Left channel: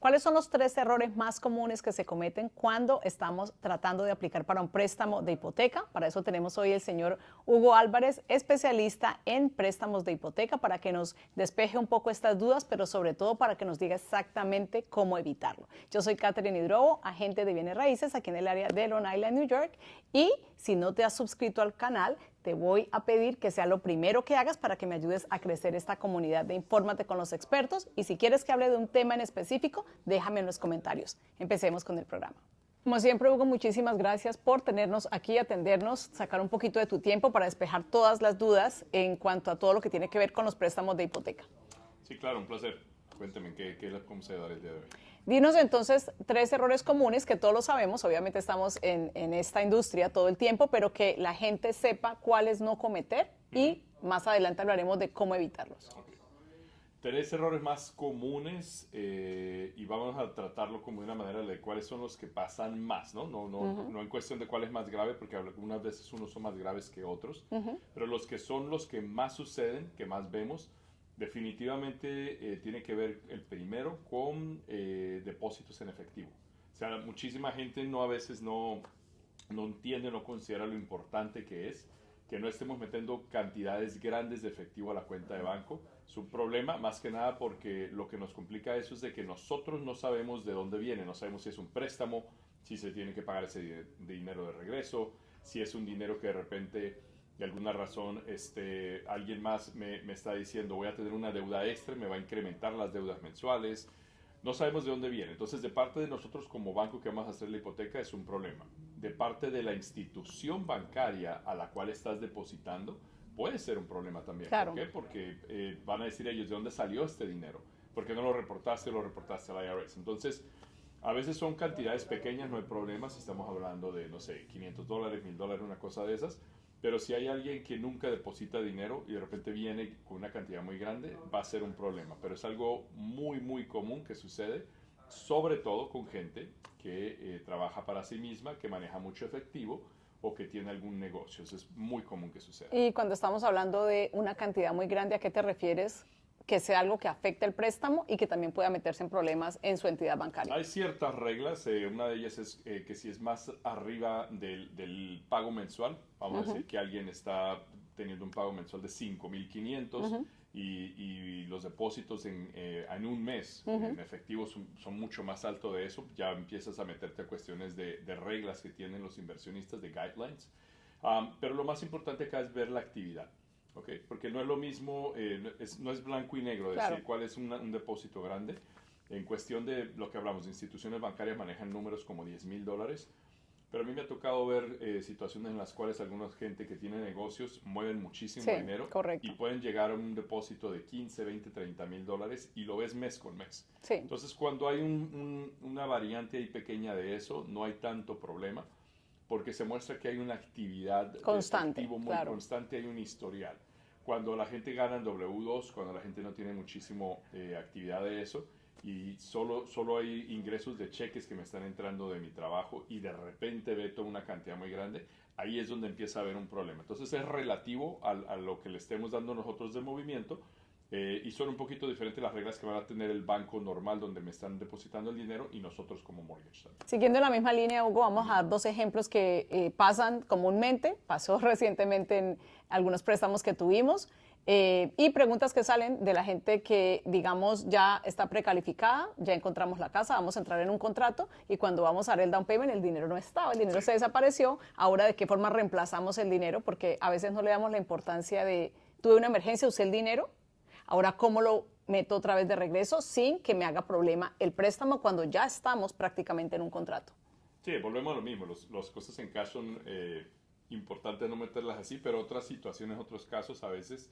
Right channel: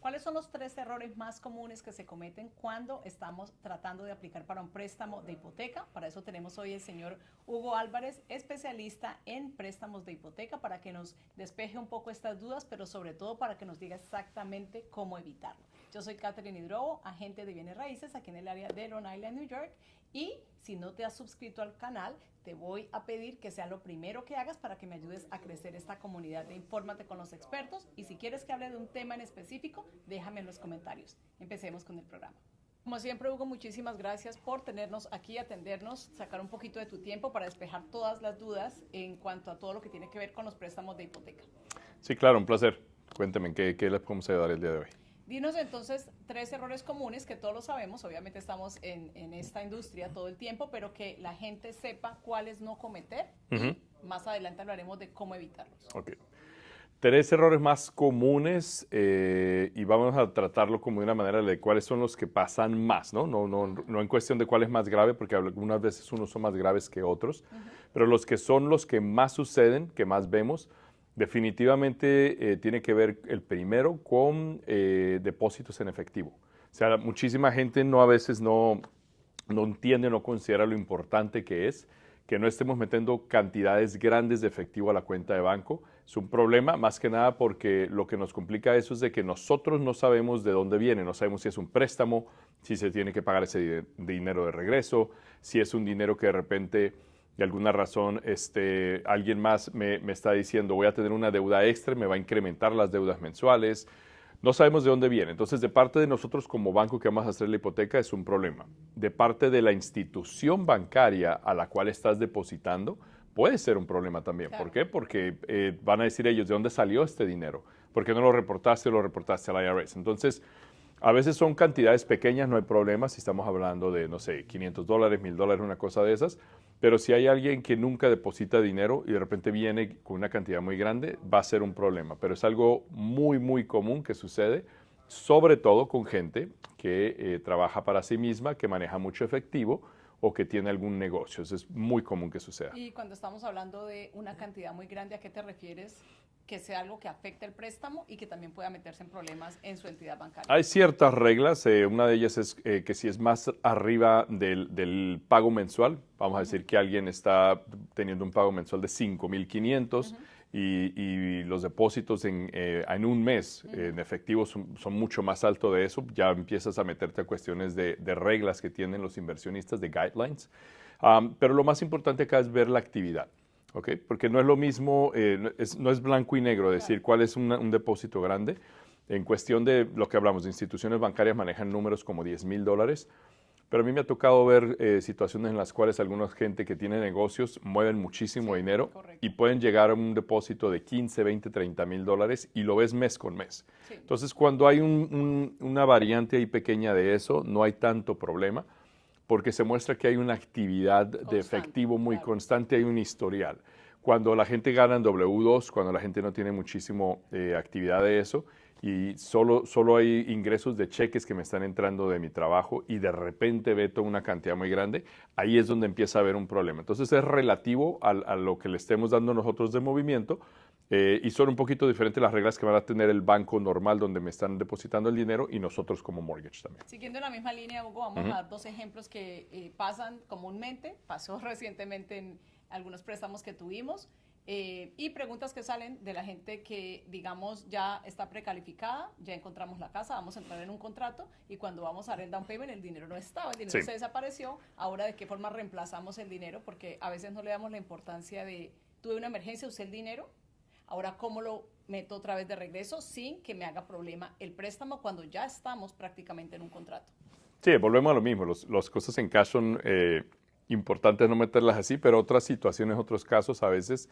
¿Cuáles son los 3 errores más comunes que se cometen cuando estamos tratando de aplicar para un préstamo de hipoteca? Para eso tenemos hoy el señor Hugo Álvarez, especialista en préstamos de hipoteca, para que nos despeje un poco estas dudas, pero sobre todo para que nos diga exactamente cómo evitarlo. Yo soy Catherine Hidrobo, agente de bienes raíces aquí en el área de Long Island, New York, y si no te has suscrito al canal, te voy a pedir que sea lo primero que hagas para que me ayudes a crecer esta comunidad de Infórmate con los expertos. Y si quieres que hable de un tema en específico, déjame en los comentarios. Empecemos con el programa. Como siempre, Hugo, muchísimas gracias por tenernos aquí, atendernos, sacar un poquito de tu tiempo para despejar todas las dudas en cuanto a todo lo que tiene que ver con los préstamos de hipoteca. Sí, claro, un placer. Cuénteme, ¿qué les podemos ayudar el día de hoy? Dinos entonces 3 errores comunes que todos lo sabemos, obviamente estamos en esta industria todo el tiempo, pero que la gente sepa cuáles no cometer y más adelante hablaremos de cómo evitarlos. Ok. 3 errores más comunes y vamos a tratarlo como de una manera de cuáles son los que pasan más, ¿no? No en cuestión de cuál es más grave, porque algunas veces unos son más graves que otros, pero los que son los que más suceden, que más vemos, definitivamente tiene que ver el primero con depósitos en efectivo. O sea, muchísima gente a veces no entiende, no considera lo importante que es que no estemos metiendo cantidades grandes de efectivo a la cuenta de banco. Es un problema más que nada porque lo que nos complica eso es de que nosotros no sabemos de dónde viene, no sabemos si es un préstamo, si se tiene que pagar ese dinero de regreso, si es un dinero que de repente, de alguna razón, alguien más me está diciendo voy a tener una deuda extra, me va a incrementar las deudas mensuales. No sabemos de dónde viene. Entonces, de parte de nosotros como banco que vamos a hacer la hipoteca es un problema. De parte de la institución bancaria a la cual estás depositando, puede ser un problema también. Claro. ¿Por qué? Porque van a decir ellos, ¿de dónde salió este dinero? ¿Por qué no lo reportaste o lo reportaste al IRS? Entonces, a veces son cantidades pequeñas, no hay problema si estamos hablando de, no sé, $500, $1,000, una cosa de esas. Pero si hay alguien que nunca deposita dinero y de repente viene con una cantidad muy grande, va a ser un problema. Pero es algo muy, muy común que sucede, sobre todo con gente que trabaja para sí misma, que maneja mucho efectivo o que tiene algún negocio. Eso es muy común que suceda. Y cuando estamos hablando de una cantidad muy grande, ¿a qué te refieres? Que sea algo que afecte el préstamo y que también pueda meterse en problemas en su entidad bancaria. Hay ciertas reglas, una de ellas es que si es más arriba del pago mensual, vamos a decir que alguien está teniendo un pago mensual de 5,500 y los depósitos en un mes en efectivo son mucho más altos de eso, ya empiezas a meterte a cuestiones de reglas que tienen los inversionistas, de guidelines. Pero lo más importante acá es ver la actividad. ¿Okay? Porque no es lo mismo, no es blanco y negro decir cuál es un depósito grande. En cuestión de lo que hablamos, de instituciones bancarias manejan números como $10,000, pero a mí me ha tocado ver situaciones en las cuales alguna gente que tiene negocios mueven muchísimo dinero y pueden llegar a un depósito de 15, 20, $30,000 y lo ves mes con mes. Sí. Entonces, cuando hay una variante ahí pequeña de eso, no hay tanto problema, porque se muestra que hay una actividad de efectivo muy constante, hay un historial. Cuando la gente gana en W2, cuando la gente no tiene muchísimo actividad de eso y solo hay ingresos de cheques que me están entrando de mi trabajo y de repente veto una cantidad muy grande, ahí es donde empieza a haber un problema. Entonces es relativo a lo que le estemos dando nosotros de movimiento. Y son un poquito diferentes las reglas que van a tener el banco normal donde me están depositando el dinero y nosotros como mortgage también. Siguiendo la misma línea, Hugo, vamos a dar 2 ejemplos que pasan comúnmente, pasó recientemente en algunos préstamos que tuvimos, y preguntas que salen de la gente que, digamos, ya está precalificada, ya encontramos la casa, vamos a entrar en un contrato y cuando vamos a dar el down payment el dinero no estaba, el dinero se desapareció. Ahora, ¿de qué forma reemplazamos el dinero? Porque a veces no le damos la importancia de, tuve una emergencia, usé el dinero, ahora, ¿cómo lo meto otra vez de regreso sin que me haga problema el préstamo cuando ya estamos prácticamente en un contrato? Sí, volvemos a lo mismo. Las cosas en cash son importantes no meterlas así, pero otras situaciones, otros casos, a veces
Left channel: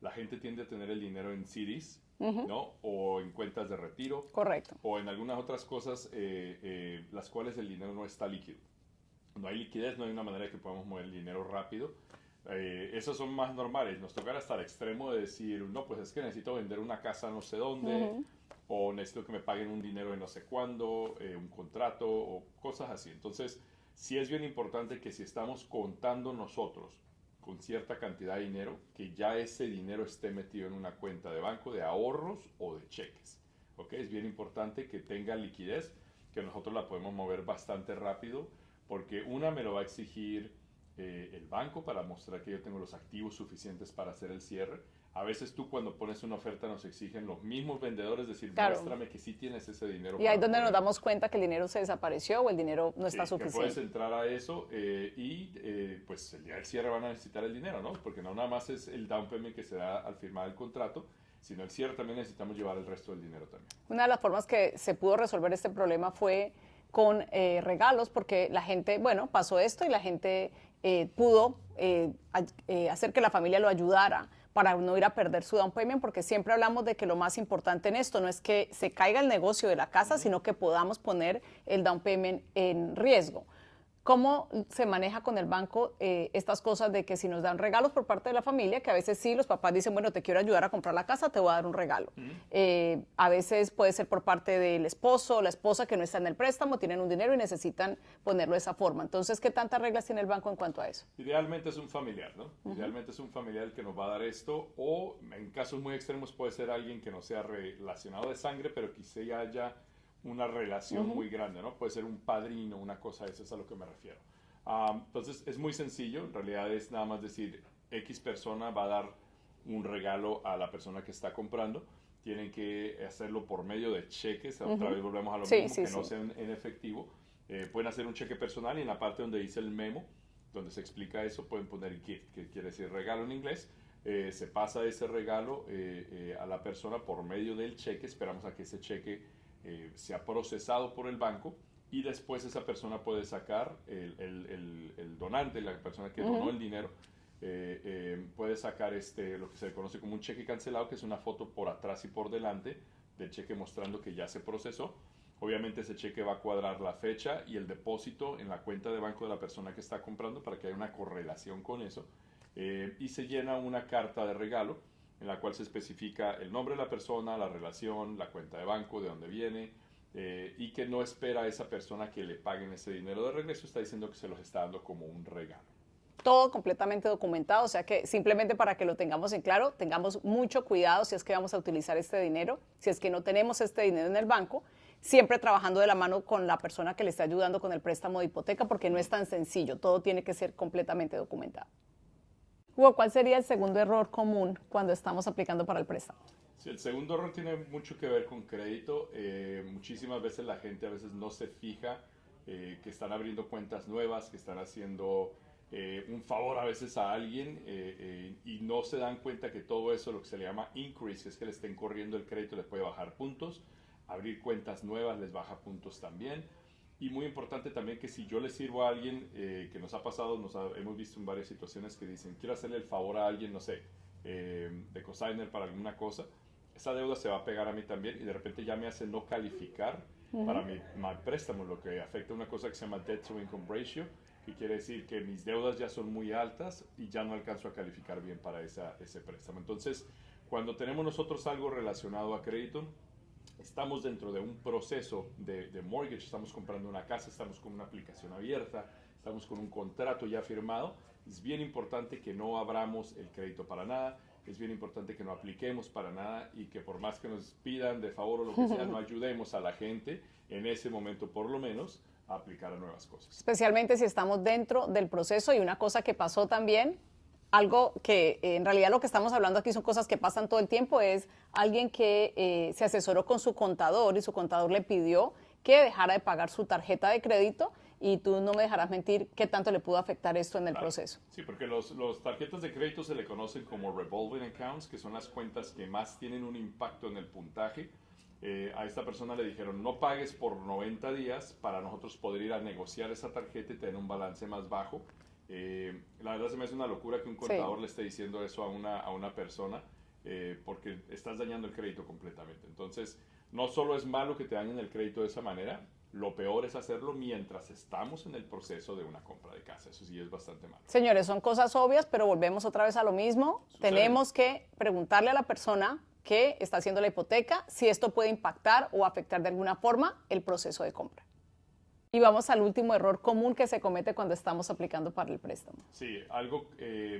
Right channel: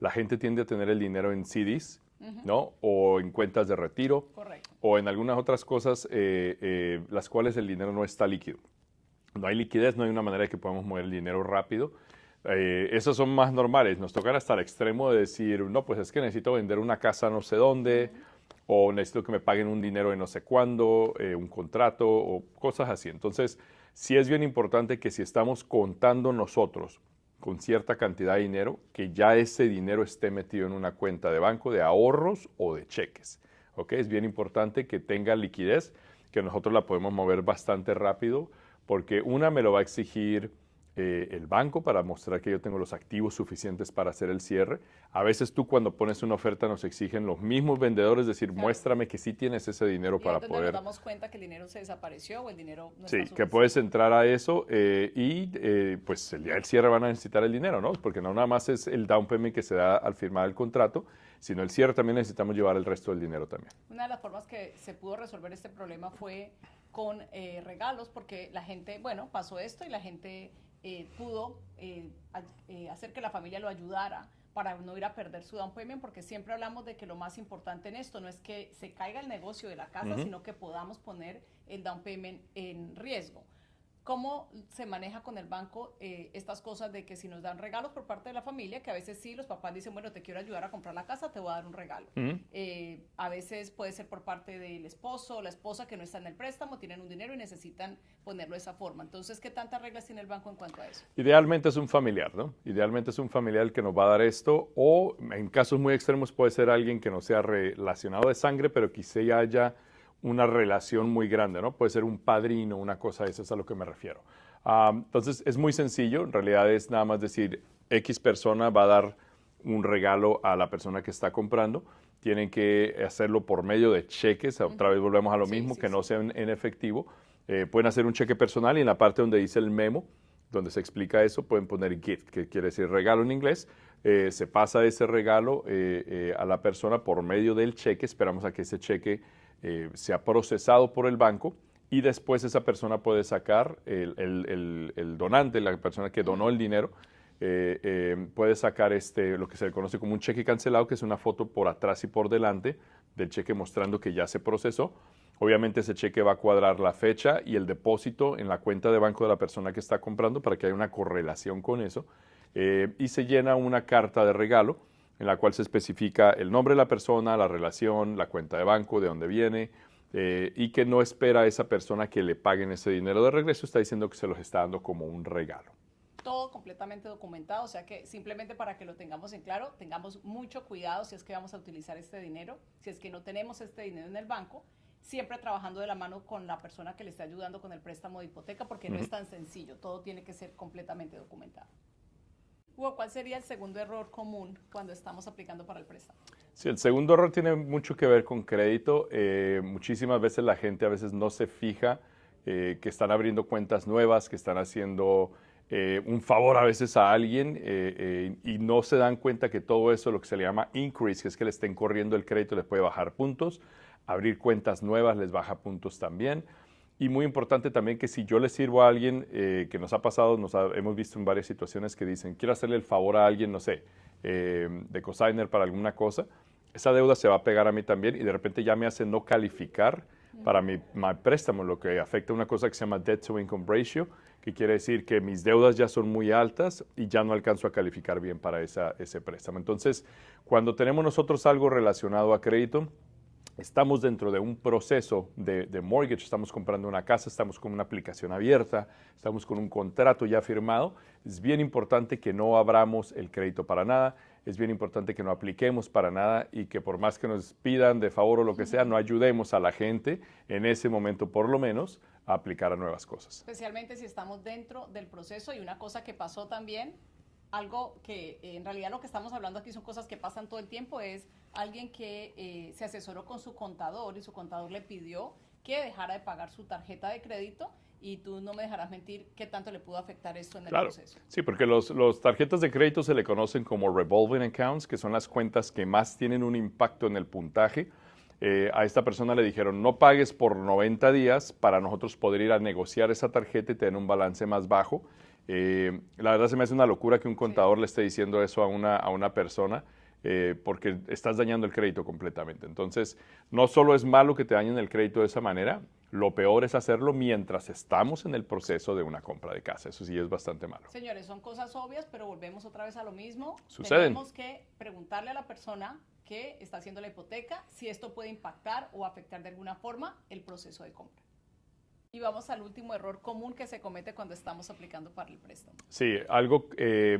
la gente tiende a tener el dinero en CDs, ¿no? O en cuentas de retiro. Correcto. O en algunas otras cosas, las cuales el dinero no está líquido. No hay liquidez, no hay una manera de que podamos mover el dinero rápido. Esos son más normales. Nos tocan hasta el extremo de decir, no, pues es que necesito vender una casa no sé dónde, o necesito que me paguen un dinero de no sé cuándo, un contrato, o cosas así. Entonces, sí es bien importante que si estamos contando nosotros con cierta cantidad de dinero, que ya ese dinero esté metido en una cuenta de banco de ahorros o de cheques. ¿ok? Es bien importante que tenga liquidez, que nosotros la podemos mover bastante rápido, porque una me lo va a exigir el banco para mostrar que yo tengo los activos suficientes para hacer el cierre. A veces tú cuando pones una oferta nos exigen los mismos vendedores decir, Claro. muéstrame que sí tienes ese dinero Y para ahí es donde poder... nos damos cuenta que el dinero se desapareció o el dinero no Sí, está que suficiente. puedes entrar a eso pues el día del cierre van a necesitar el dinero, ¿no? Porque no nada más es el down payment que se da al firmar el contrato, sino el cierre también necesitamos llevar el resto del dinero también. Una de las formas que se pudo resolver este problema fue con regalos, porque la gente, bueno, pasó esto y la gente pudo hacer que la familia lo ayudara para no ir a perder su down payment, porque siempre hablamos de que lo más importante en esto no es que se caiga el negocio de la casa, sino que podamos poner el down payment en riesgo. ¿Cómo se maneja con el banco estas cosas de que si nos dan regalos por parte de la familia, que a veces sí, los papás dicen, bueno, te quiero ayudar a comprar la casa, te voy a dar un regalo? A veces puede ser por parte del esposo o la esposa que no está en el préstamo, tienen un dinero y necesitan ponerlo de esa forma. Entonces, ¿qué tantas reglas tiene el banco en cuanto a eso? Idealmente es un familiar, ¿no? Idealmente es un familiar el que nos va a dar esto, o en casos muy extremos puede ser alguien que no sea relacionado de sangre, pero quizá haya una relación muy grande, ¿no? Puede ser un padrino, una cosa de eso, es a lo que me refiero. Entonces, es muy sencillo, en realidad es nada más decir, X persona va a dar un regalo a la persona que está comprando, tienen que hacerlo por medio de cheques, otra vez volvemos a lo mismo, que no sean en efectivo. Pueden hacer un cheque personal y en la parte donde dice el memo, donde se explica eso, pueden poner gift, que quiere decir regalo en inglés. Se pasa ese regalo a la persona por medio del cheque, esperamos a que ese cheque sea procesado por el banco y después esa persona puede sacar, el donante, la persona que donó el dinero, puede sacar lo que se le conoce como un cheque cancelado, que es una foto por atrás y por delante del cheque mostrando que ya se procesó. Obviamente ese cheque va a cuadrar la fecha y el depósito en la cuenta de banco de la persona que está comprando para que haya una correlación con eso. Y se llena una carta de regalo en la cual se especifica el nombre de la persona, la relación, la cuenta de banco, de dónde viene, y que no espera a esa persona que le paguen ese dinero de regreso, está diciendo que se los está dando como un regalo. Todo completamente documentado, o sea que simplemente para que lo tengamos en claro, tengamos mucho cuidado si es que vamos a utilizar este dinero, si es que no tenemos este dinero en el banco, siempre trabajando de la mano con la persona que le está ayudando con el préstamo de hipoteca, porque no es tan sencillo, todo tiene que ser completamente documentado. Hugo, ¿cuál sería el segundo error común cuando estamos aplicando para el préstamo? Sí, el segundo error tiene mucho que ver con crédito. Muchísimas veces la gente a veces no se fija que están abriendo cuentas nuevas, que están haciendo un favor a veces a alguien y no se dan cuenta que todo eso, lo que se le llama increase, que es que le estén corriendo el crédito, les puede bajar puntos. Abrir cuentas nuevas les baja puntos también. Y muy importante también que si yo le sirvo a alguien, que nos ha pasado, hemos visto en varias situaciones que dicen, quiero hacerle el favor a alguien, no sé, de cosigner para alguna cosa, esa deuda se va a pegar a mí también y de repente ya me hace no calificar para mi préstamo, lo que afecta una cosa que se llama debt to income ratio, que quiere decir que mis deudas ya son muy altas y ya no alcanzo a calificar bien para ese préstamo. Entonces, cuando tenemos nosotros algo relacionado a crédito, estamos dentro de un proceso de mortgage, estamos comprando una casa, estamos con una aplicación abierta, estamos con un contrato ya firmado. Es bien importante que no abramos el crédito para nada, es bien importante que no apliquemos para nada y que por más que nos pidan de favor o lo que sea, no ayudemos a la gente en ese momento por lo menos a aplicar a nuevas cosas. Especialmente si estamos dentro del proceso y una cosa que pasó también, algo que en realidad lo que estamos hablando aquí son cosas que pasan todo el tiempo, es alguien que se asesoró con su contador y su contador le pidió que dejara de pagar su tarjeta de crédito y tú no me dejarás mentir qué tanto le pudo afectar esto en el proceso. Sí, porque los tarjetas de crédito se le conocen como revolving accounts, que son las cuentas que más tienen un impacto en el puntaje. A esta persona le dijeron no pagues por 90 días para nosotros poder ir a negociar esa tarjeta y tener un balance más bajo. La verdad se me hace una locura que un contador le esté diciendo eso a una persona porque estás dañando el crédito completamente. Entonces, no solo es malo que te dañen el crédito de esa manera, lo peor es hacerlo mientras estamos en el proceso de una compra de casa. Eso sí es bastante malo. Señores, son cosas obvias, pero volvemos otra vez a lo mismo. Tenemos que preguntarle a la persona que está haciendo la hipoteca si esto puede impactar o afectar de alguna forma el proceso de compra. Y vamos al último error común que se comete cuando estamos aplicando para el préstamo. Sí, algo,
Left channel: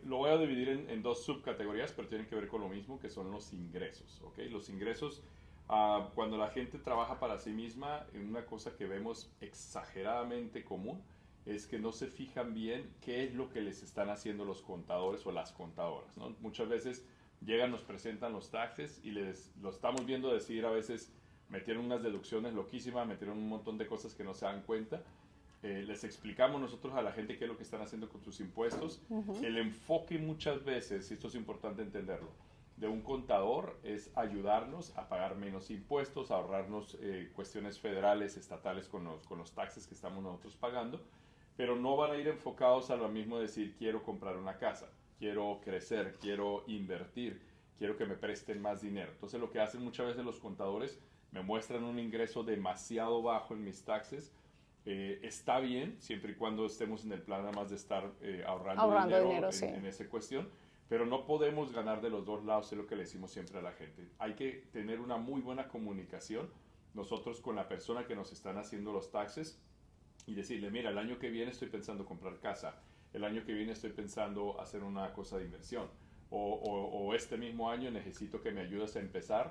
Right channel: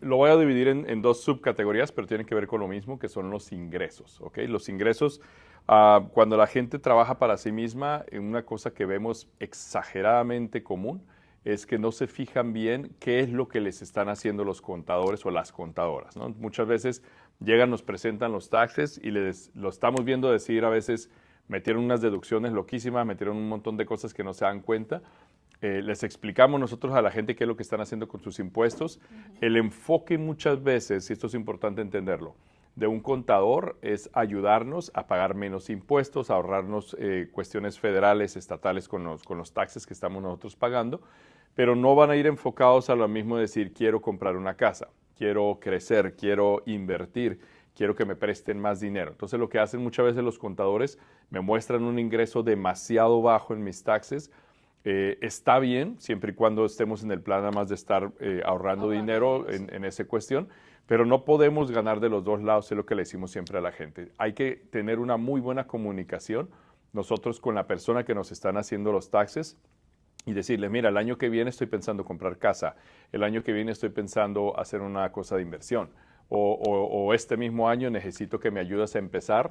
lo voy a dividir en dos subcategorías, pero tienen que ver con lo mismo, que son los ingresos, ¿ok? Los ingresos, cuando la gente trabaja para sí misma, una cosa que vemos exageradamente común es que no se fijan bien qué es lo que les están haciendo los contadores o las contadoras, ¿no? Muchas veces llegan, nos presentan los taxes y lo estamos viendo decir a veces, metieron unas deducciones loquísimas, metieron un montón de cosas que no se dan cuenta. Les explicamos nosotros a la gente qué es lo que están haciendo con sus impuestos. El enfoque muchas veces, y esto es importante entenderlo, de un contador es ayudarnos a pagar menos impuestos, a ahorrarnos cuestiones federales, estatales con los taxes que estamos nosotros pagando, pero no van a ir enfocados a lo mismo de decir quiero comprar una casa, quiero crecer, quiero invertir, quiero que me presten más dinero. Entonces lo que hacen muchas veces los contadores, me muestran un ingreso demasiado bajo en mis taxes. Está bien, siempre y cuando estemos en el plan además de estar ahorrando dinero en esa cuestión, pero no podemos ganar de los dos lados, es lo que le decimos siempre a la gente. Hay que tener una muy buena comunicación nosotros con la persona que nos están haciendo los taxes y decirle, mira, el año que viene estoy pensando comprar casa, el año que viene estoy pensando hacer una cosa de inversión, o este mismo año necesito que me ayudes a empezar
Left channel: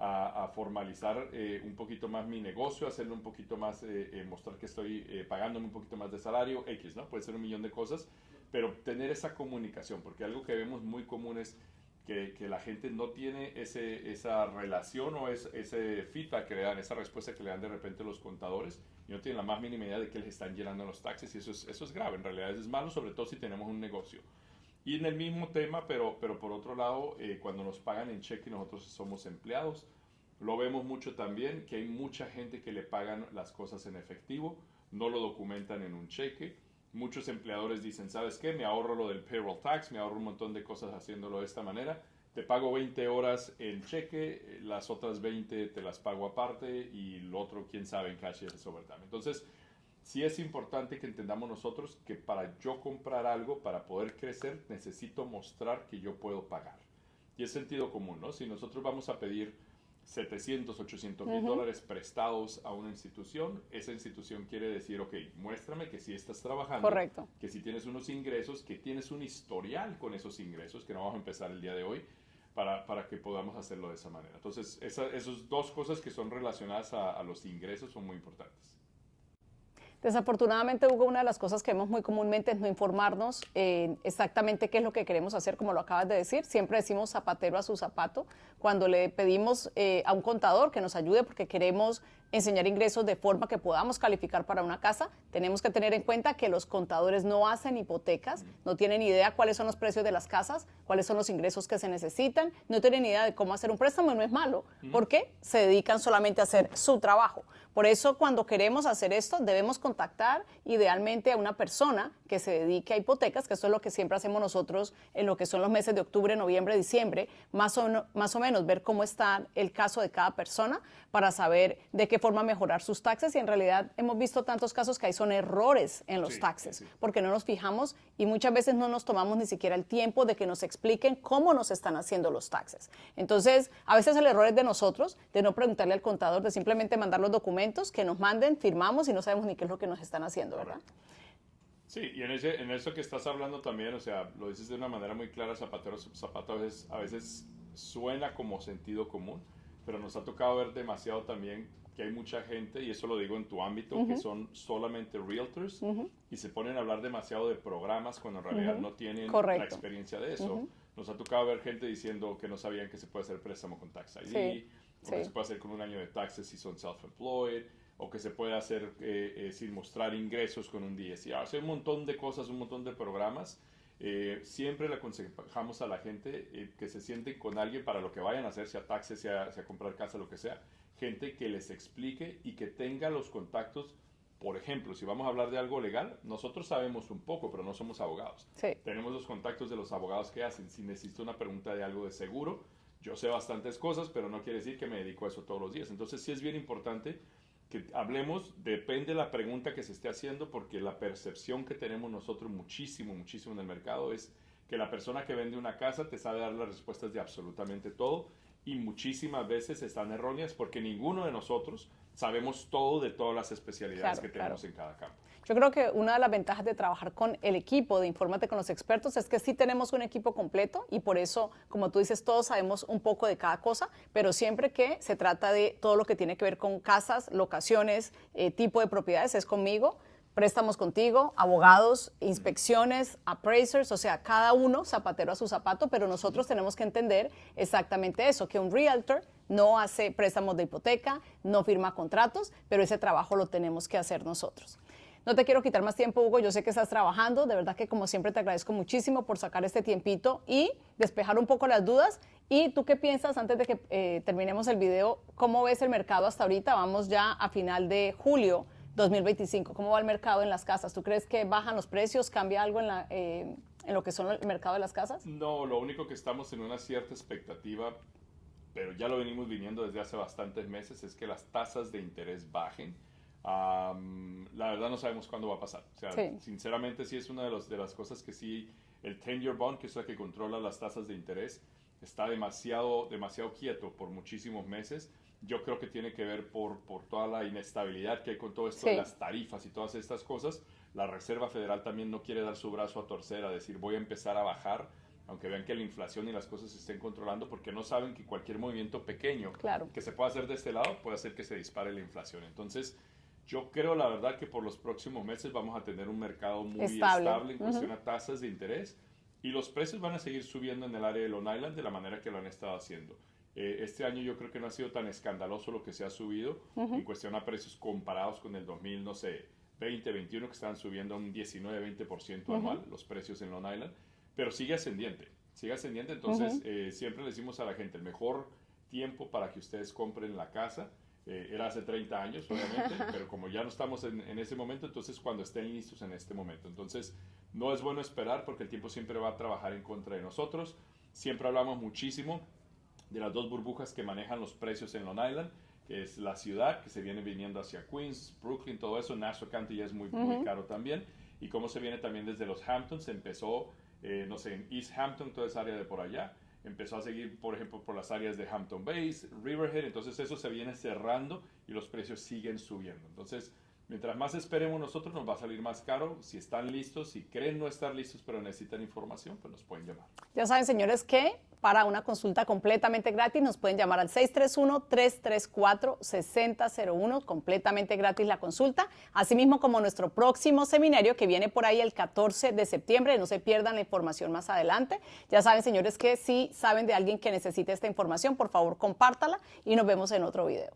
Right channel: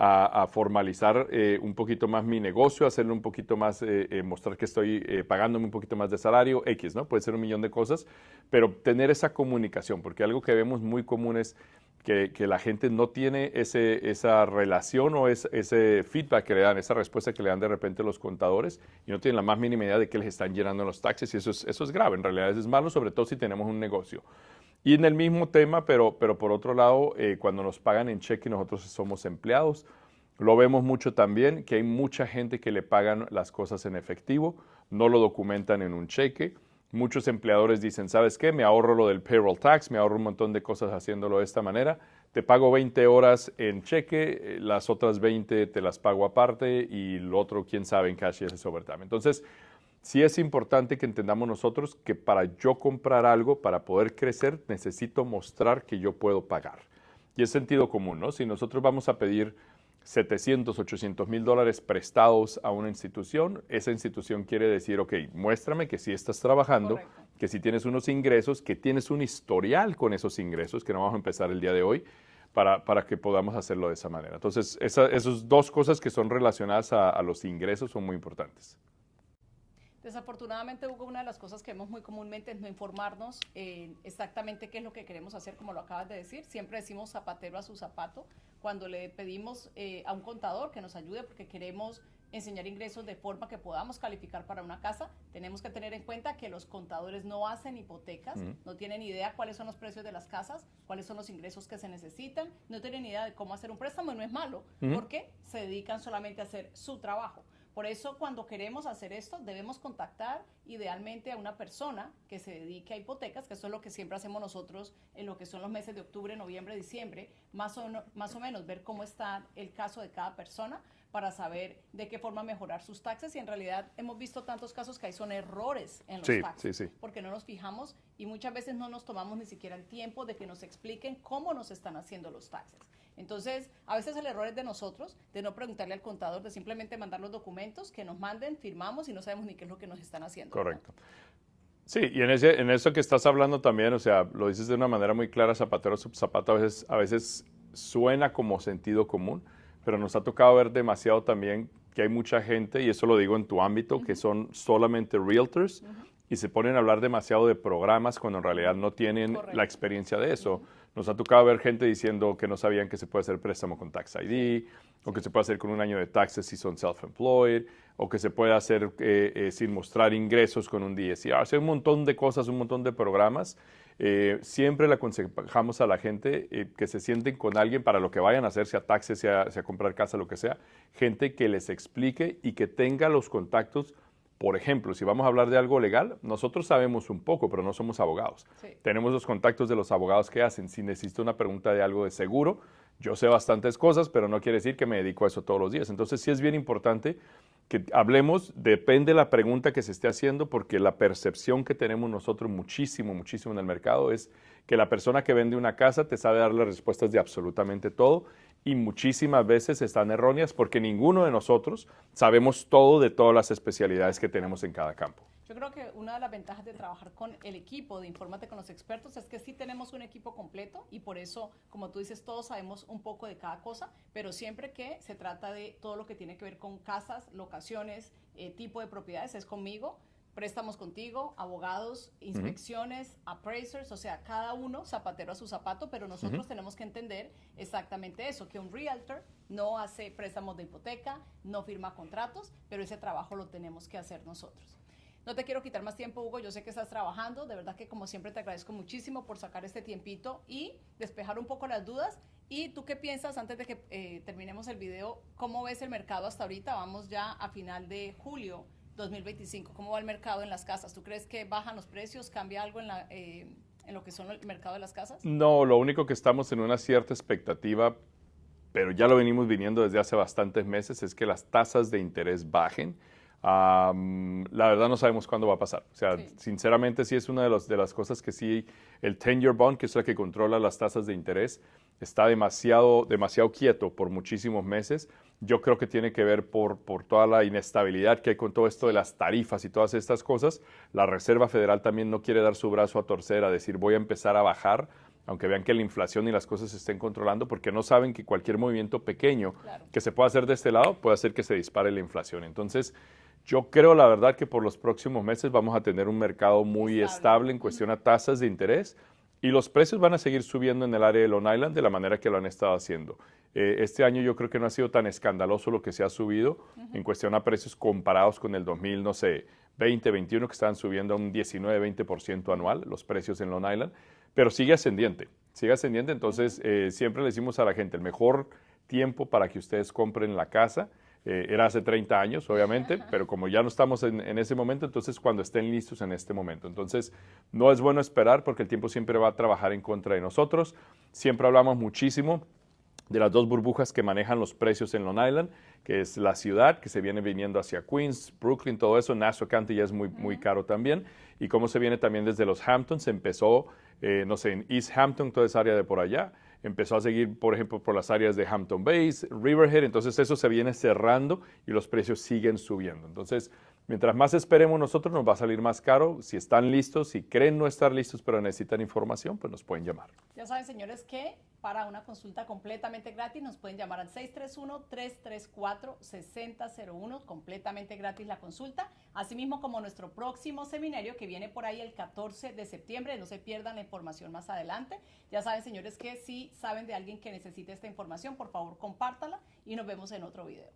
a formalizar un poquito más mi negocio, hacerle un poquito más, mostrar que estoy pagándome un poquito más de salario, X, ¿no? Puede ser un millón de cosas, pero tener esa comunicación, porque algo que vemos muy común es que la gente no tiene esa relación o ese feedback que le dan, esa respuesta que le dan de repente los contadores y no tienen la más mínima idea de que les están llenando los taxes y eso es grave, en realidad eso es malo, sobre todo si tenemos un negocio. Y en el mismo tema, pero por otro lado, cuando nos pagan en cheque y nosotros somos empleados, lo vemos mucho también, que hay mucha gente que le pagan las cosas en efectivo, no lo documentan en un cheque. Muchos empleadores dicen, ¿sabes qué? Me ahorro lo del payroll tax, me ahorro un montón de cosas haciéndolo de esta manera. Te pago 20 horas en cheque, las otras 20 te las pago aparte y lo otro, quién sabe, en cash y ese es overtime. Entonces, sí es importante que entendamos nosotros que para yo comprar algo, para poder crecer, necesito mostrar que yo puedo pagar. Y es sentido común, ¿no? Si nosotros vamos a pedir 700, 800 mil dólares prestados a una institución, esa institución quiere decir, ok, muéstrame que sí estás trabajando, que sí tienes unos ingresos, que tienes un historial con esos ingresos, que no vamos a empezar el día de hoy, para que podamos hacerlo de esa manera. Entonces, esas dos cosas que son relacionadas a los ingresos son muy importantes. Desafortunadamente, Hugo, una de las cosas que vemos muy comúnmente es no informarnos exactamente qué es lo que queremos hacer, como lo acabas de decir. Siempre decimos zapatero a su zapato. Cuando le pedimos a un contador que nos ayude porque queremos enseñar ingresos de forma que podamos calificar para una casa, tenemos que tener en cuenta que los contadores no hacen hipotecas, no tienen idea cuáles son los precios de las casas, cuáles son los ingresos que se necesitan, no tienen idea de cómo hacer un préstamo y no es malo, porque se dedican solamente a hacer su trabajo. Por eso, cuando queremos hacer esto, debemos contactar idealmente a una persona que se dedique a hipotecas, que eso es lo que siempre hacemos nosotros en lo que son los meses de octubre, noviembre, diciembre, más o menos ver cómo está el caso de cada persona para saber de qué forma mejorar sus taxes. Y en realidad hemos visto tantos casos que hay son errores en los taxes, porque no nos fijamos y muchas veces no nos tomamos ni siquiera el tiempo de que nos expliquen cómo nos están haciendo los taxes. Entonces, a veces el error es de nosotros, de no preguntarle al contador, de simplemente mandar los documentos que nos manden, firmamos y no sabemos ni qué es lo que nos están haciendo. Correcto. ¿Verdad? Sí, y en eso que estás hablando también, o sea, lo dices de una manera muy clara, zapatero a zapato, a veces suena como sentido común, pero nos ha tocado ver demasiado también que hay mucha gente, y eso lo digo en tu ámbito, que son solamente realtors y se ponen a hablar demasiado de programas cuando en realidad no tienen la experiencia de eso. Nos ha tocado ver gente diciendo que no sabían que se puede hacer préstamo con Tax ID, o que se puede hacer con un año de taxes si son self-employed, o que se puede hacer sin mostrar ingresos con un DSCR. O sea, un montón de cosas, un montón de programas. Siempre le aconsejamos a la gente que se sienten con alguien para lo que vayan a hacer, sea taxes, sea comprar casa, lo que sea, gente que les explique y que tenga los contactos. Por ejemplo, si vamos a hablar de algo legal, nosotros sabemos un poco, pero no somos abogados. Tenemos los contactos de los abogados que hacen. Si necesito una pregunta de algo de seguro, yo sé bastantes cosas, pero no quiere decir que me dedico a eso todos los días. Entonces, sí es bien importante que hablemos, depende de la pregunta que se esté haciendo, porque la percepción que tenemos nosotros muchísimo en el mercado es que la persona que vende una casa te sabe dar las respuestas de absolutamente todo y muchísimas veces están erróneas porque ninguno de nosotros sabemos todo de todas las especialidades que tenemos en cada campo. Yo creo que una de las ventajas de trabajar con el equipo de Infórmate con los expertos es que sí tenemos un equipo completo y por eso, como tú dices, todos sabemos un poco de cada cosa, pero siempre que se trata de todo lo que tiene que ver con casas, locaciones, tipo de propiedades, es conmigo. Préstamos contigo, abogados, inspecciones, appraisers, o sea, cada uno zapatero a su zapato, pero nosotros tenemos que entender exactamente eso, que un realtor no hace préstamos de hipoteca, no firma contratos, pero ese trabajo lo tenemos que hacer nosotros. No te quiero quitar más tiempo, Hugo, yo sé que estás trabajando, de verdad que como siempre te agradezco muchísimo por sacar este tiempito y despejar un poco las dudas. ¿Y tú qué piensas, antes de que terminemos el video, cómo ves el mercado hasta ahorita? Vamos ya a final de julio 2025. ¿Cómo va el mercado en las casas? ¿Tú crees que bajan los precios? ¿Cambia algo en lo que son el mercado de las casas? No, lo único que estamos en una cierta expectativa, pero ya lo venimos viniendo desde hace bastantes meses, es que las tasas de interés bajen. La verdad no sabemos cuándo va a pasar. O sea, sinceramente sí es una de las cosas que sí, el 10-year bond, que es la que controla las tasas de interés, está demasiado quieto por muchísimos meses. Yo creo que tiene que ver por toda la inestabilidad que hay con todo esto de las tarifas y todas estas cosas. La Reserva Federal también no quiere dar su brazo a torcer a decir voy a empezar a bajar, aunque vean que la inflación y las cosas se estén controlando, porque no saben que cualquier movimiento pequeño que se pueda hacer de este lado puede hacer que se dispare la inflación. Entonces, yo creo, la verdad, que por los próximos meses vamos a tener un mercado muy estable en cuestión a tasas de interés y los precios van a seguir subiendo en el área de Long Island de la manera que lo han estado haciendo. Este año yo creo que no ha sido tan escandaloso lo que se ha subido en cuestión a precios comparados con el 2000, no sé, 2021, que estaban subiendo a un 19-20% anual los precios en Long Island, pero sigue ascendiente, entonces siempre le decimos a la gente, el mejor tiempo para que ustedes compren la casa era hace 30 años, obviamente, pero como ya no estamos en ese momento, entonces cuando estén listos en este momento. Entonces, no es bueno esperar porque el tiempo siempre va a trabajar en contra de nosotros. Siempre hablamos muchísimo de las dos burbujas que manejan los precios en Long Island, que es la ciudad, que se viene viniendo hacia Queens, Brooklyn, todo eso. Nassau County ya es muy caro también. Y cómo se viene también desde los Hamptons, empezó, no sé, en East Hampton, toda esa área de por allá. Empezó a seguir, por ejemplo, por las áreas de Hampton Bays, Riverhead, entonces eso se viene cerrando y los precios siguen subiendo. Entonces, mientras más esperemos nosotros, nos va a salir más caro. Si están listos, si creen no estar listos, pero necesitan información, pues nos pueden llamar. Ya saben, señores, que para una consulta completamente gratis nos pueden llamar al 631-334-6001, completamente gratis la consulta. Asimismo, como nuestro próximo seminario que viene por ahí el 14 de septiembre, no se pierdan la información más adelante. Ya saben, señores, que si saben de alguien que necesite esta información, por favor, compártala y nos vemos en otro video.